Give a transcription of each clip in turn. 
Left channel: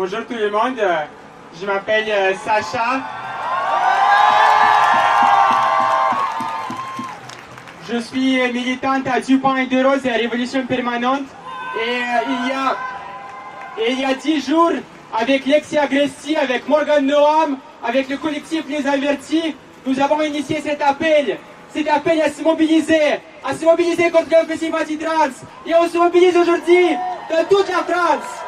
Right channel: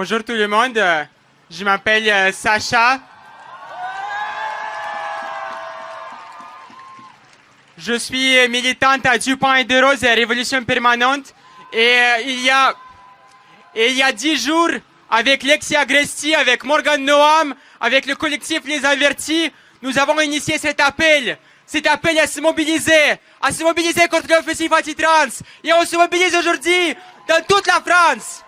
Bonjour tout le monde, je m'appelle Sacha. Je suis militante à Dupont de Rose, Révolution Permanente. Et il y a 10 jours, avec Lexi Agresti, avec Morgan Noam, avec le collectif Les Avertis, nous avons initié cet appel à se mobiliser contre l'offensive anti-trans. Et on se mobilise aujourd'hui dans toute la France.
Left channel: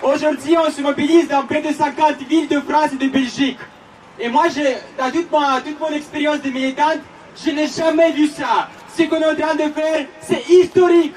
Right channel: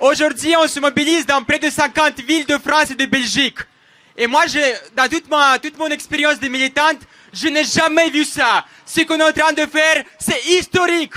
Aujourd'hui, on se mobilise dans près de 50 villes de France et de Belgique. Et moi, dans toute mon expérience de militante, je n'ai jamais vu ça. Ce qu'on est en train de faire, c'est historique.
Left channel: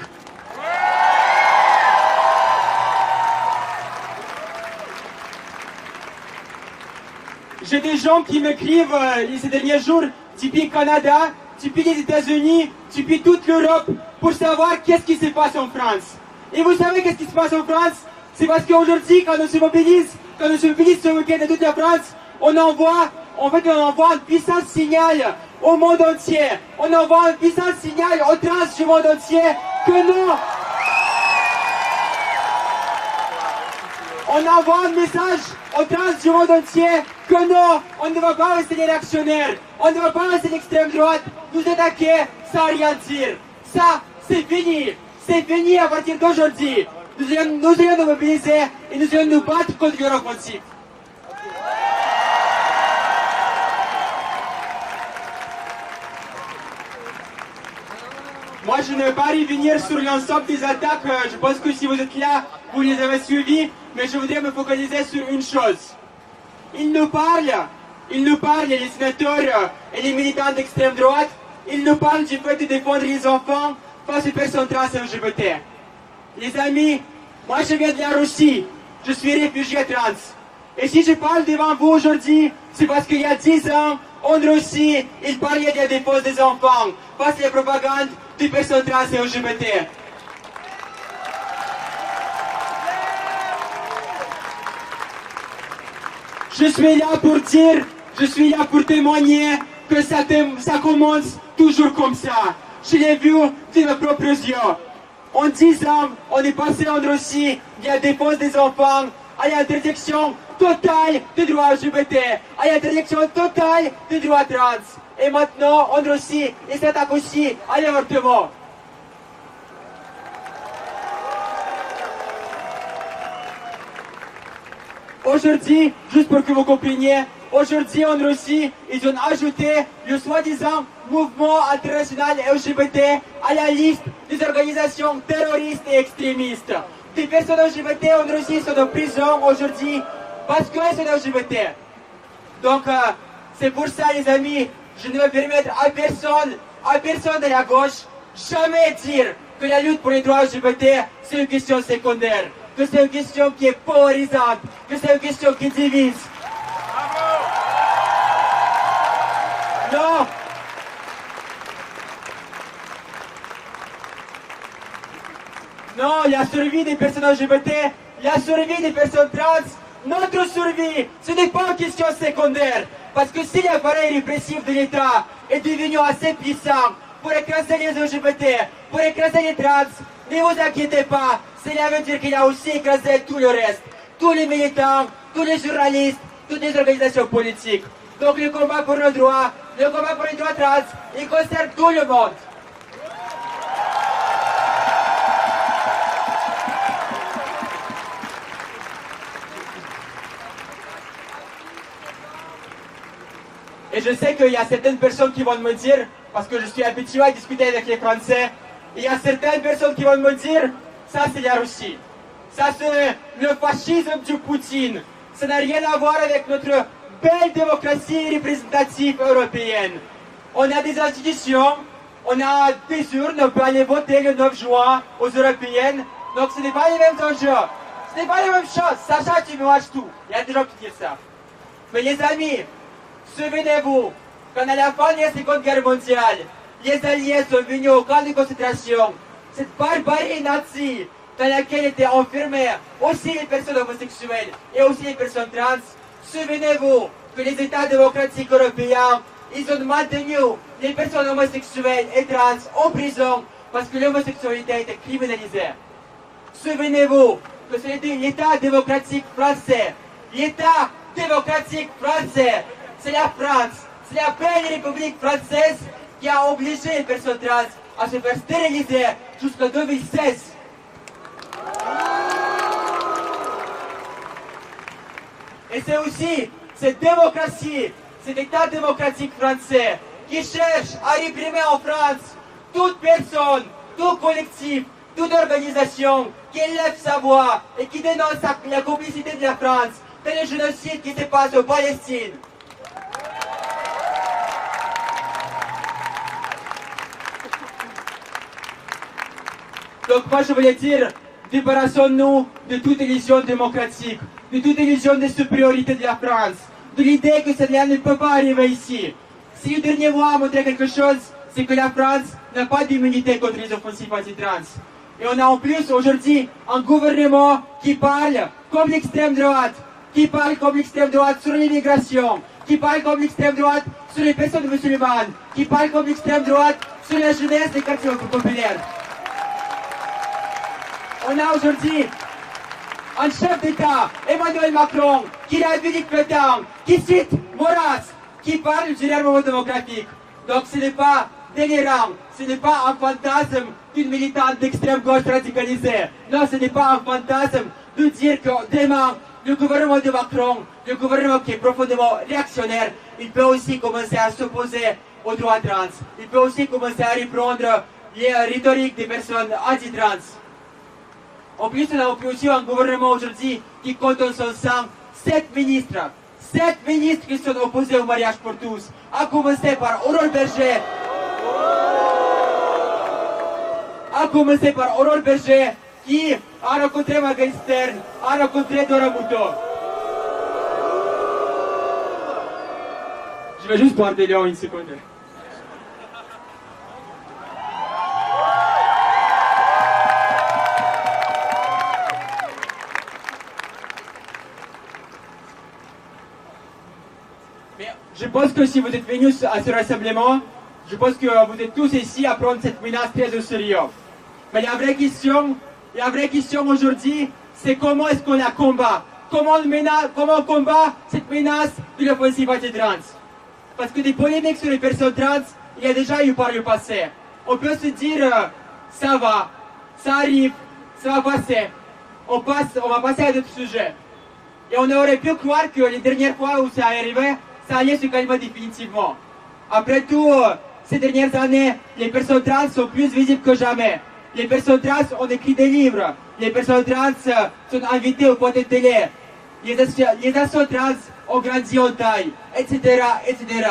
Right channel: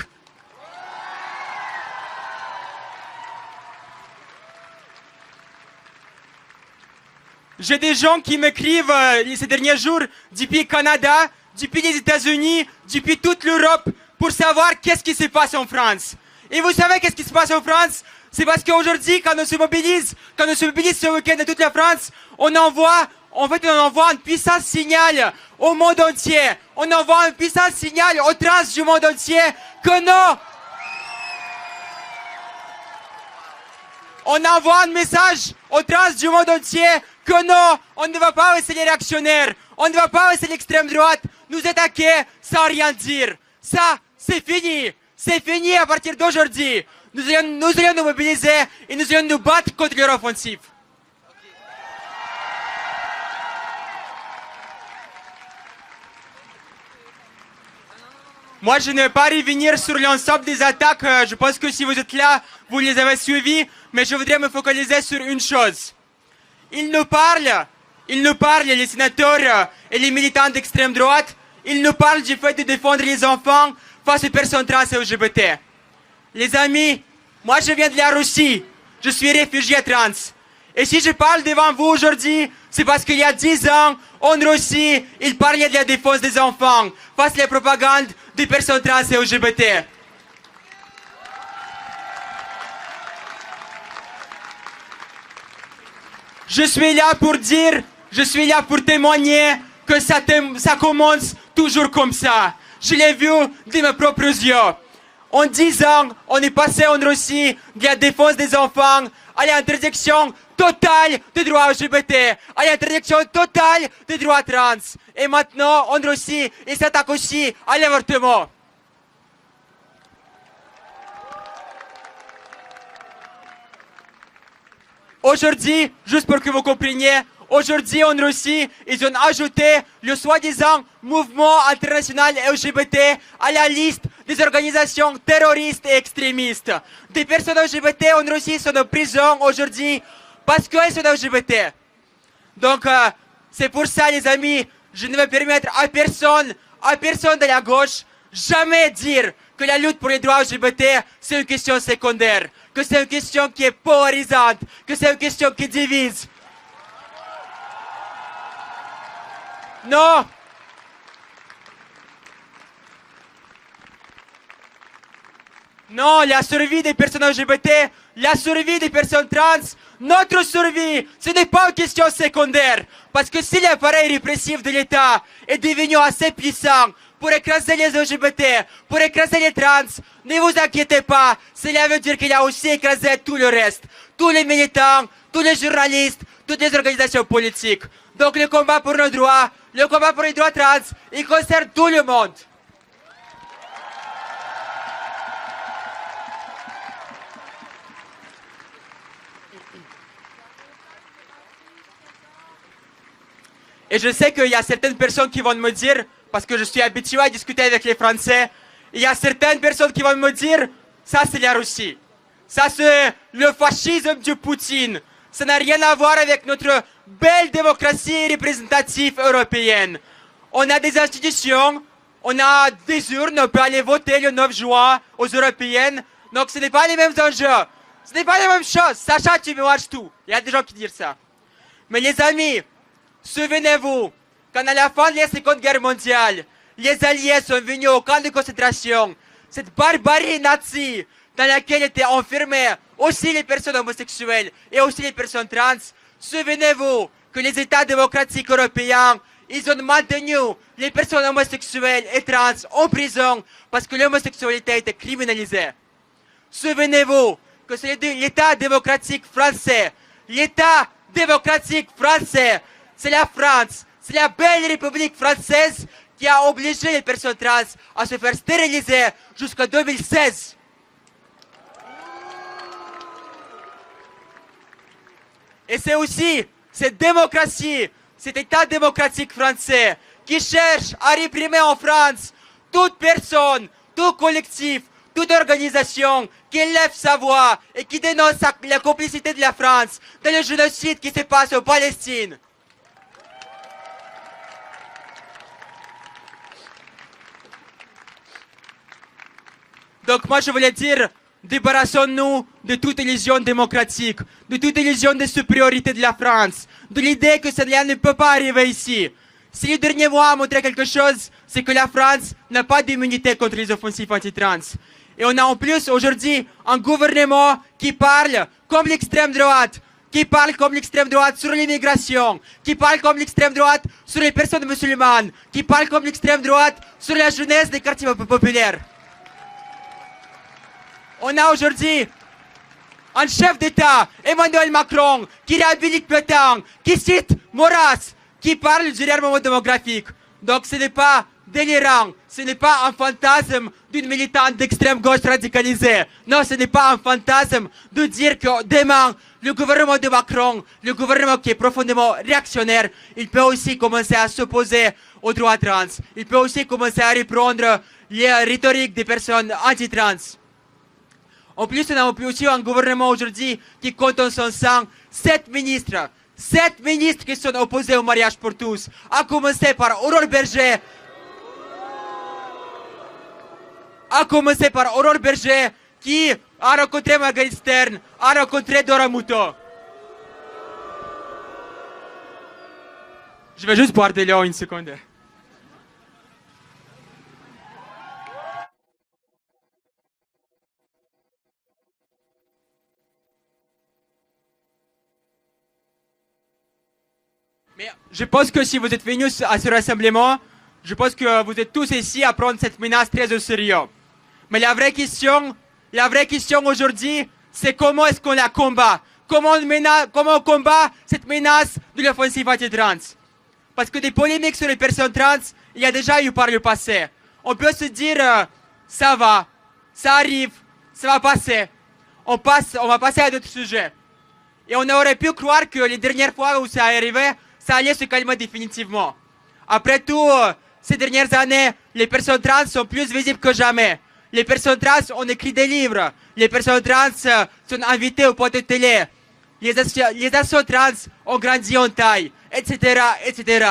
J'ai des gens qui m'écrivent ces derniers jours depuis le Canada, depuis les États-Unis, depuis toute l'Europe, pour savoir qu'est-ce qui se passe en France. Et vous savez qu'est-ce qui se passe en France? C'est parce qu'aujourd'hui, quand on se mobilise ce week-end dans toute la France, on envoie un puissant signal au monde entier. On envoie un puissant signal aux trans du monde entier que non. On envoie un message aux trans du monde entier que non, on ne va pas laisser les réactionnaires, on ne va pas laisser l'extrême droite nous attaquer sans rien dire. Ça, c'est fini. C'est fini à partir d'aujourd'hui. Nous allons nous mobiliser et nous allons nous battre contre leur offensive. Moi, je ne vais pas revenir sur l'ensemble des attaques. Je pense que si vous êtes là, vous les avez suivies. Mais je voudrais me focaliser sur une chose. Ils nous parlent, les sénateurs et les militants d'extrême droite, ils nous parlent du fait de défendre les enfants face aux personnes trans et LGBT. Les amis, moi je viens de la Russie, je suis réfugié trans. Et si je parle devant vous aujourd'hui, c'est parce qu'il y a 10 ans, en Russie, ils parlaient de la défense des enfants face à la propagande des personnes trans et LGBT. Je suis là pour témoigner que ça commence toujours comme ça. Je l'ai vu de mes propres yeux. En 10 ans, on est passé en Russie de la défense des enfants à l'interdiction totale des droits LGBT, à l'interdiction totale des droits trans. Et maintenant, en Russie, ils s'attaquent aussi à l'avortement. Aujourd'hui, juste pour que vous compreniez, aujourd'hui en Russie, ils ont ajouté le soi-disant mouvement international LGBT à la liste des organisations terroristes et extrémistes. Des personnes LGBT en Russie sont en prison aujourd'hui parce qu'elles sont LGBT. Donc, c'est pour ça, les amis, je ne vais permettre à personne de la gauche, jamais dire que la lutte pour les droits LGBT, c'est une question secondaire, que c'est une question qui est polarisante, que c'est une question qui divise. Non! Non, la survie des personnes LGBT, la survie des personnes trans, notre survie, ce n'est pas une question secondaire. Parce que si l'appareil répressif de l'État est devenu assez puissant pour écraser les LGBT, pour écraser les trans, ne vous inquiétez pas, cela veut dire qu'il a aussi écrasé tout le reste. Tous les militants, tous les journalistes, toutes les organisations politiques. Donc le combat pour nos droits, le combat pour les droits trans, il concerne tout le monde. Et je sais qu'il y a certaines personnes qui vont me dire, parce que je suis habitué à discuter avec les Français, il y a certaines personnes qui vont me dire, ça c'est la Russie. Ça c'est le fascisme de Poutine. Ça n'a rien à voir avec notre belle démocratie représentative européenne. On a des institutions, on a des urnes, on peut aller voter le 9 juin aux européennes. Donc ce n'est pas les mêmes enjeux. Ce n'est pas la même chose. Sacha, tu mélanges tout. Il y a des gens qui disent ça. Mais les amis, souvenez-vous, quand à la fin de la Seconde Guerre mondiale, les Alliés sont venus au camp de concentration, cette barbarie nazie dans laquelle étaient enfermées aussi les personnes homosexuelles et aussi les personnes trans, souvenez-vous que les États démocratiques européens ils ont maintenu les personnes homosexuelles et trans en prison parce que l'homosexualité était criminalisée. Souvenez-vous que c'est l'État démocratique français. L'État démocratique français, c'est la France, c'est la belle République française qui a obligé les personnes trans à se faire stériliser jusqu'en 2016. Et c'est aussi cette démocratie, cet État démocratique français qui cherche à réprimer en France toute personne, tout collectif, toute organisation qui lève sa voix et qui dénonce la complicité de la France dans le génocide qui se passe en Palestine. Donc moi je voulais dire, débarrassons-nous de toute illusion démocratique, de toute illusion de supériorité de la France, de l'idée que cela ne peut pas arriver ici. Si le dernier mois a montré quelque chose, c'est que la France n'a pas d'immunité contre les offensives anti-trans. Et on a en plus aujourd'hui un gouvernement qui parle comme l'extrême droite, qui parle comme l'extrême droite sur l'immigration, qui parle comme l'extrême droite sur les personnes musulmanes, qui parle comme l'extrême droite sur la jeunesse des quartiers populaires. On a aujourd'hui un chef d'État, Emmanuel Macron, qui réhabilite Pétain, qui cite Maurras, qui parle du réarmement démographique. Donc ce n'est pas délirant, ce n'est pas un fantasme d'une militante d'extrême gauche radicalisée. Non, ce n'est pas un fantasme de dire que demain, le gouvernement de Macron, le gouvernement qui est profondément réactionnaire, il peut aussi commencer à s'opposer aux droits trans. Il peut aussi commencer à reprendre les rhétoriques des personnes anti-trans. En plus, on a aussi un gouvernement aujourd'hui qui compte en son sein 7 ministres. 7 ministres qui sont opposés au mariage pour tous. À commencer par Aurore Berger. Qui a rencontré Marguerite Stern, a rencontré Dora Muto. Je vais juste boire de l'eau une seconde. Je pense que si vous êtes venus à ce rassemblement, je pense que vous êtes tous ici à prendre cette menace très au sérieux. Mais la vraie question aujourd'hui, c'est comment est-ce qu'on la combat? Comment on combat cette menace de l'offensive anti-trans? Parce que des polémiques sur les personnes trans, il y a déjà eu par le passé. On peut se dire, ça va, ça arrive, ça va passer. On va passer à d'autres sujets. Et on aurait pu croire que les dernières fois où ça arrivait, ça allait se calmer définitivement. Après tout, ces dernières années, les personnes trans sont plus visibles que jamais. Les personnes trans ont écrit des livres. Les personnes trans sont invitées au poste de télé. Les associations trans ont grandi en taille, etc., etc.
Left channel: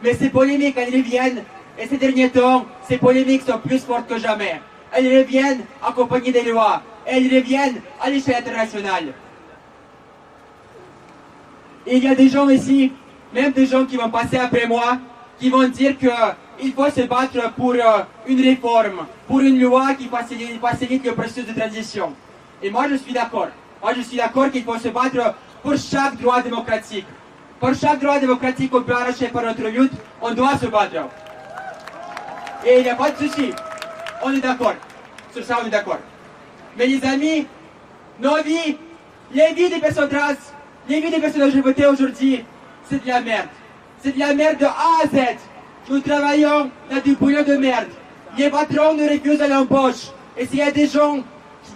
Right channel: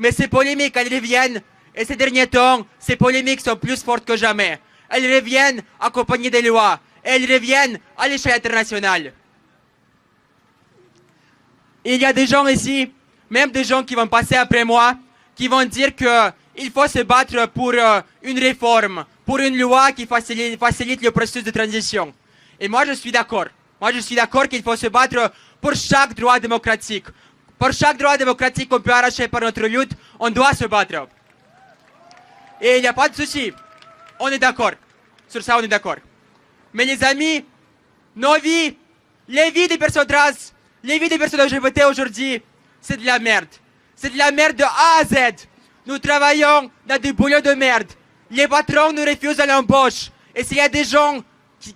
Mais ces polémiques, elles reviennent. Et ces derniers temps, ces polémiques sont plus fortes que jamais. Elles reviennent accompagnées des lois. Elles reviennent à l'échelle internationale. Et il y a des gens ici, même des gens qui vont passer après moi, qui vont dire qu'il faut se battre pour une réforme, pour une loi qui facilite le processus de transition. Et moi je suis d'accord. Moi je suis d'accord qu'il faut se battre pour chaque droit démocratique. Pour chaque droit démocratique qu'on peut arracher par notre lutte, on doit se battre. Et il n'y a pas de souci. On est d'accord. Sur ça on est d'accord. Mais les amis, nos vies, les vies des personnes trans, les vies des personnes LGBT aujourd'hui, c'est de la merde. C'est de la merde de A à Z. Nous travaillons dans du bouillon de merde. Les patrons nous refusent l'embauche. Et s'il y a des gens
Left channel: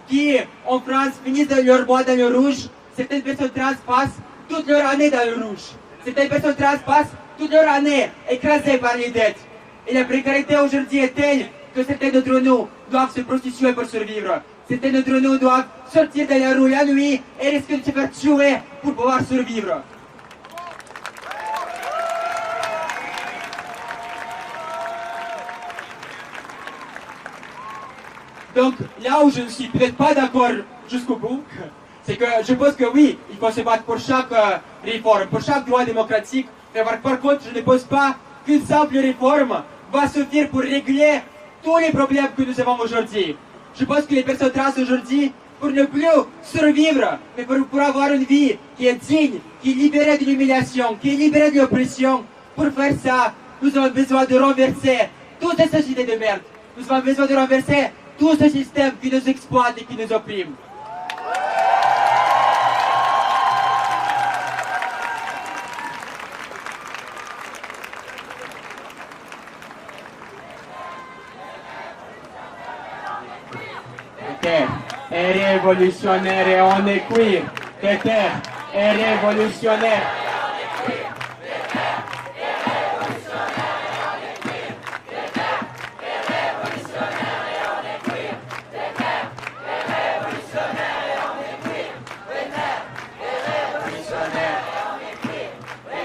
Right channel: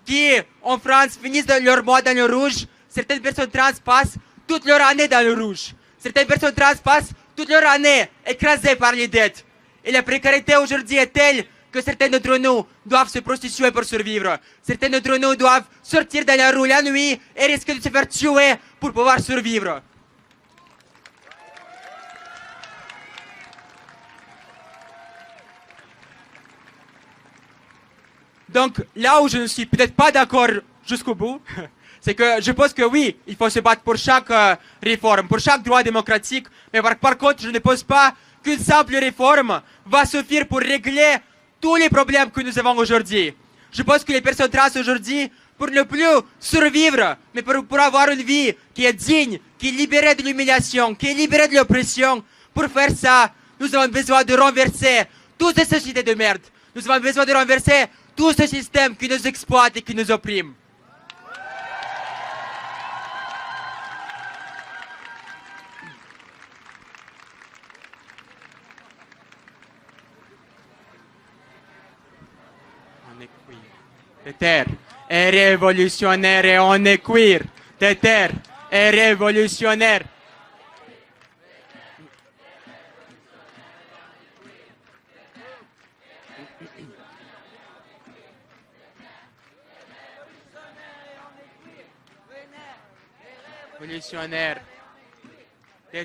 qui, en France, finissent leur mois dans le rouge, certaines personnes trans passent toute leur année dans le rouge. Certaines personnes trans passent toute leur année écrasées par les dettes. Et la précarité aujourd'hui est telle que certains d'entre nous doivent se prostituer pour survivre. Certains d'entre nous doivent sortir dans la rue la nuit et risquer de se faire tuer pour pouvoir survivre. Donc là où je ne suis peut-être pas d'accord jusqu'au bout, c'est que je pense que oui, il faut se battre pour chaque réforme, pour chaque droit démocratique, mais par contre je ne pense pas qu'une simple réforme va suffire pour régler tous les problèmes que nous avons aujourd'hui. Je pense que les personnes trans aujourd'hui, pour ne plus survivre, mais pour avoir une vie qui est digne, qui est libérée de l'humiliation, qui est libérée de l'oppression, Pour faire ça, nous avons besoin de renverser toutes ces sociétés de merde. Nous avons besoin de renverser tout ce système qui nous exploite et qui nous opprime. Terre est révolutionnaire et on est queer. Terre est révolutionnaire.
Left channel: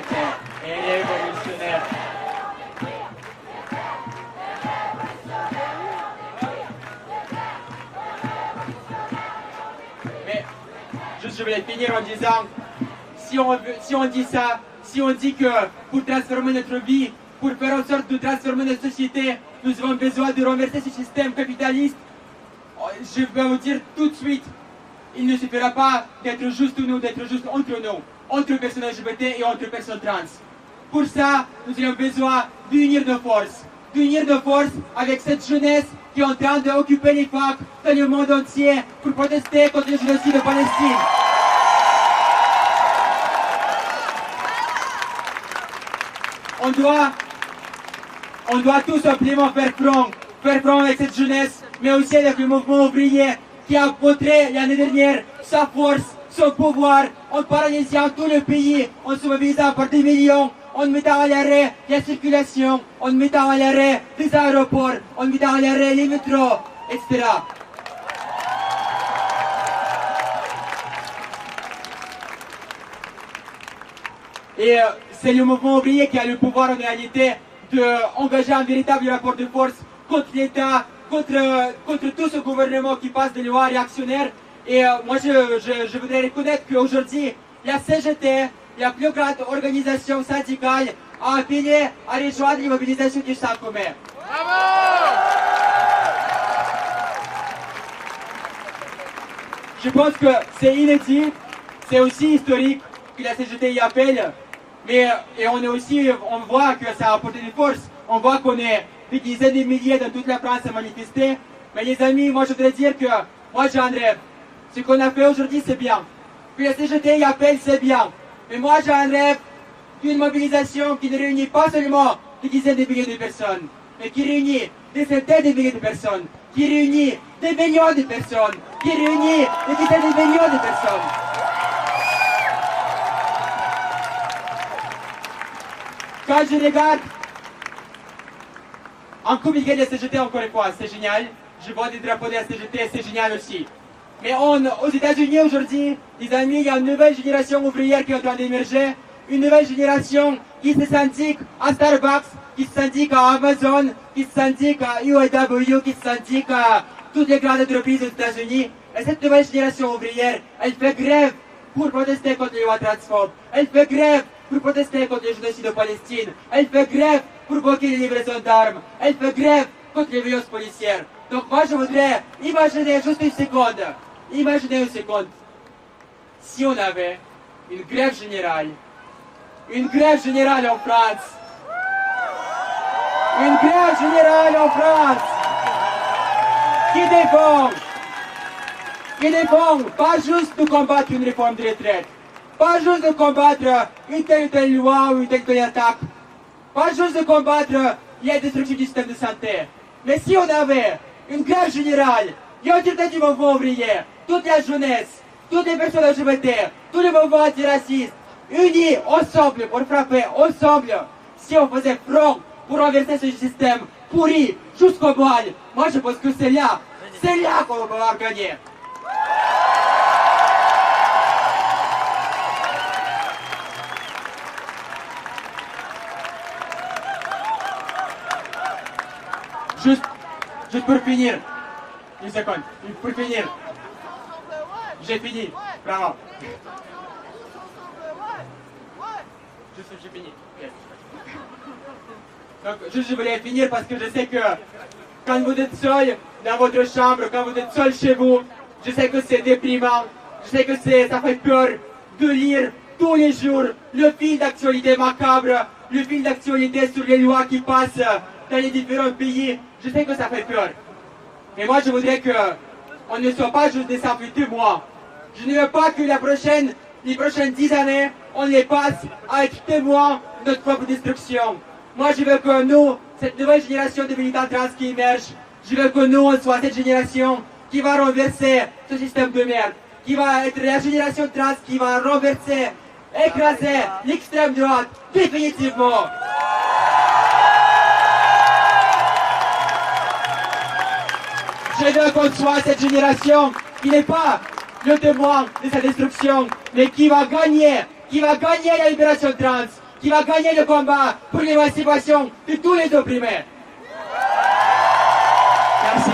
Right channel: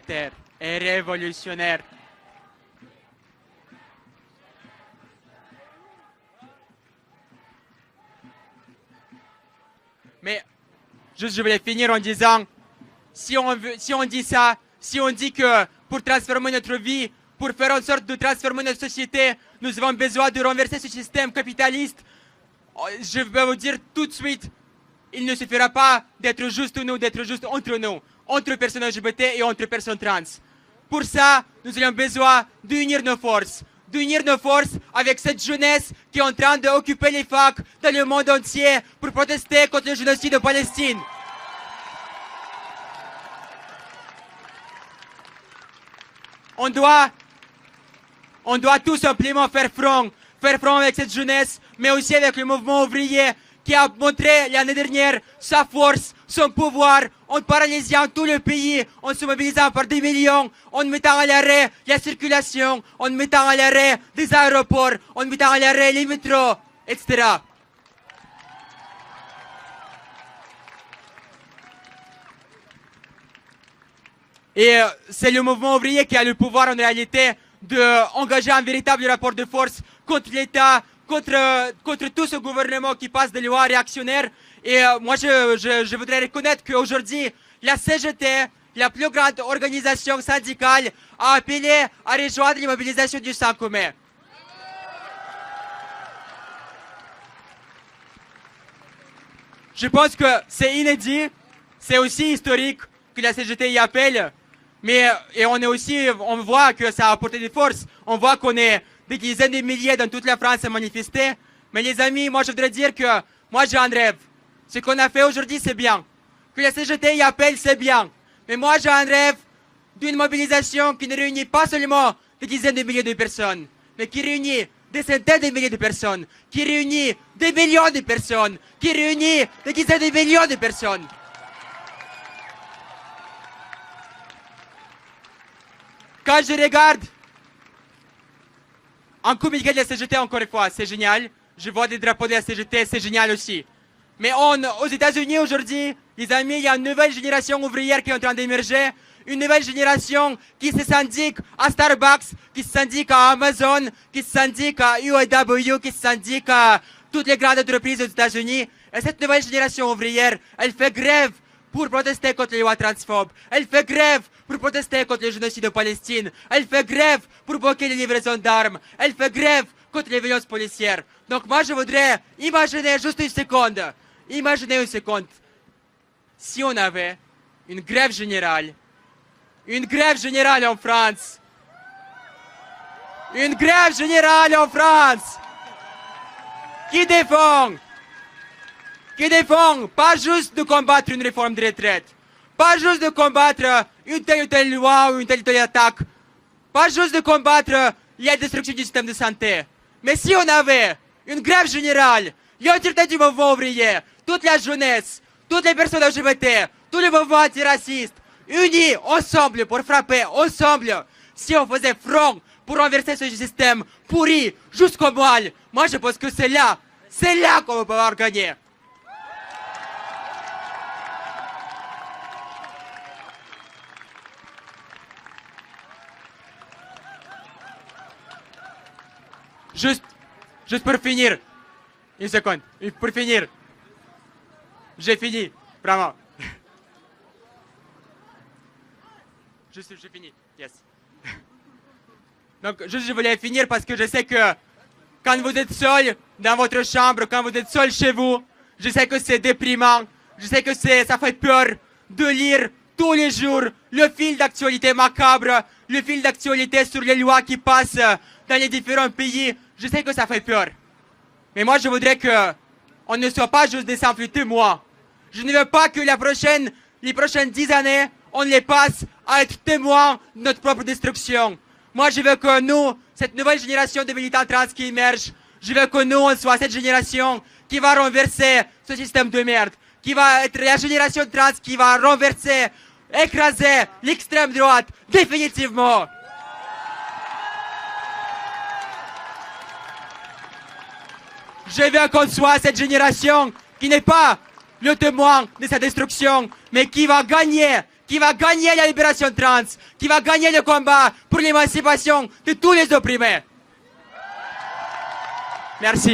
Terre est révolutionnaire. Mais juste je voulais finir en disant, si on dit ça, si on dit que pour transformer notre vie, pour faire en sorte de transformer notre société, nous avons besoin de renverser ce système capitaliste, je vais vous dire tout de suite, il ne suffira pas d'être juste nous, d'être juste entre nous, entre personnes LGBT et entre personnes trans. Pour ça, nous avons besoin d'unir nos forces avec cette jeunesse qui est en train d'occuper les facs dans le monde entier pour protester contre le génocide de Palestine. On doit tout simplement faire front avec cette jeunesse, mais aussi avec le mouvement ouvrier qui a montré l'année dernière sa force, son pouvoir, en paralysant tout le pays, en se mobilisant par des millions, en mettant à l'arrêt la circulation, en mettant à l'arrêt des aéroports, en mettant à l'arrêt les métros, etc. Et c'est le mouvement ouvrier qui a le pouvoir en réalité d'engager un véritable rapport de force contre l'État, contre tout ce gouvernement qui passe des lois réactionnaires. Et moi je voudrais reconnaître qu'aujourd'hui, la CGT, la plus grande organisation syndicale, a appelé à rejoindre les mobilisations du 5 mai. Je pense que c'est inédit, c'est aussi historique que la CGT y appelle, mais et on voit que ça a apporté des forces, on voit qu'on est des dizaines de milliers dans toute la France à manifester, mais les amis, moi je voudrais dire que moi j'ai un rêve. Ce qu'on a fait aujourd'hui c'est bien, que la CGT y appelle c'est bien, mais moi j'ai un rêve d'une mobilisation qui ne réunit pas seulement des dizaines de milliers de personnes, mais qui réunit des centaines de milliers de personnes, qui réunit des millions de personnes, qui réunit des dizaines de millions de personnes. Quand je regarde un communiqué de la CGT, encore une fois, c'est génial. Je vois des drapeaux de la CGT, c'est génial aussi. Mais aux États-Unis aujourd'hui, les amis, il y a une nouvelle génération ouvrière qui est en train d'émerger. Une nouvelle génération qui se syndique à Starbucks, qui se syndique à Amazon, qui se syndique à UAW, qui se syndique à toutes les grandes entreprises aux États-Unis. Et cette nouvelle génération ouvrière, elle fait grève pour protester contre les lois transphobes. Elle fait grève pour protester contre le génocide de Palestine. Elle fait grève pour bloquer les livraisons d'armes. Elle fait grève contre les violences policières. Donc moi je voudrais imaginer juste une seconde. Imaginez une seconde. Si on avait une grève générale en France. Une grève générale en France. Qui défend pas juste de combattre une réforme de retraite, pas juste de combattre une telle ou telle loi ou une telle ou telle attaque, pas juste de combattre la destruction du système de santé, mais si on avait une grève générale, l'entièreté du mouvement ouvrier, toute la jeunesse, toutes les personnes LGBT, tous les mouvements antiracistes, unis ensemble pour frapper ensemble, si on faisait front pour renverser ce système pourri jusqu'au mal, moi je pense que c'est là qu'on va pouvoir gagner. Juste pour finir, une seconde, pour finir, j'ai fini, vraiment. J'ai fini, yes. Donc, je voulais finir parce que je sais que quand vous êtes seul dans votre chambre, quand vous êtes seul chez vous, je sais que c'est déprimant, je sais que ça fait peur de lire tous les jours le fil d'actualité macabre le fil d'actualité sur les lois qui passent dans les différents pays. Je sais que ça fait peur. Mais moi, je voudrais qu'on ne soit pas juste des simples témoins. Je ne veux pas que les prochaines 10 années, on les passe à être témoins de notre propre destruction. Moi, je veux que nous, cette nouvelle génération de militants trans qui émerge, je veux que nous, on soit cette génération qui va renverser ce système de merde, qui va être la génération trans qui va renverser, écraser l'extrême droite, définitivement. Je veux qu'on soit cette génération qui n'est pas le témoin de sa destruction, mais qui va gagner la libération trans, qui va gagner le combat pour l'émancipation de tous les opprimés. Merci.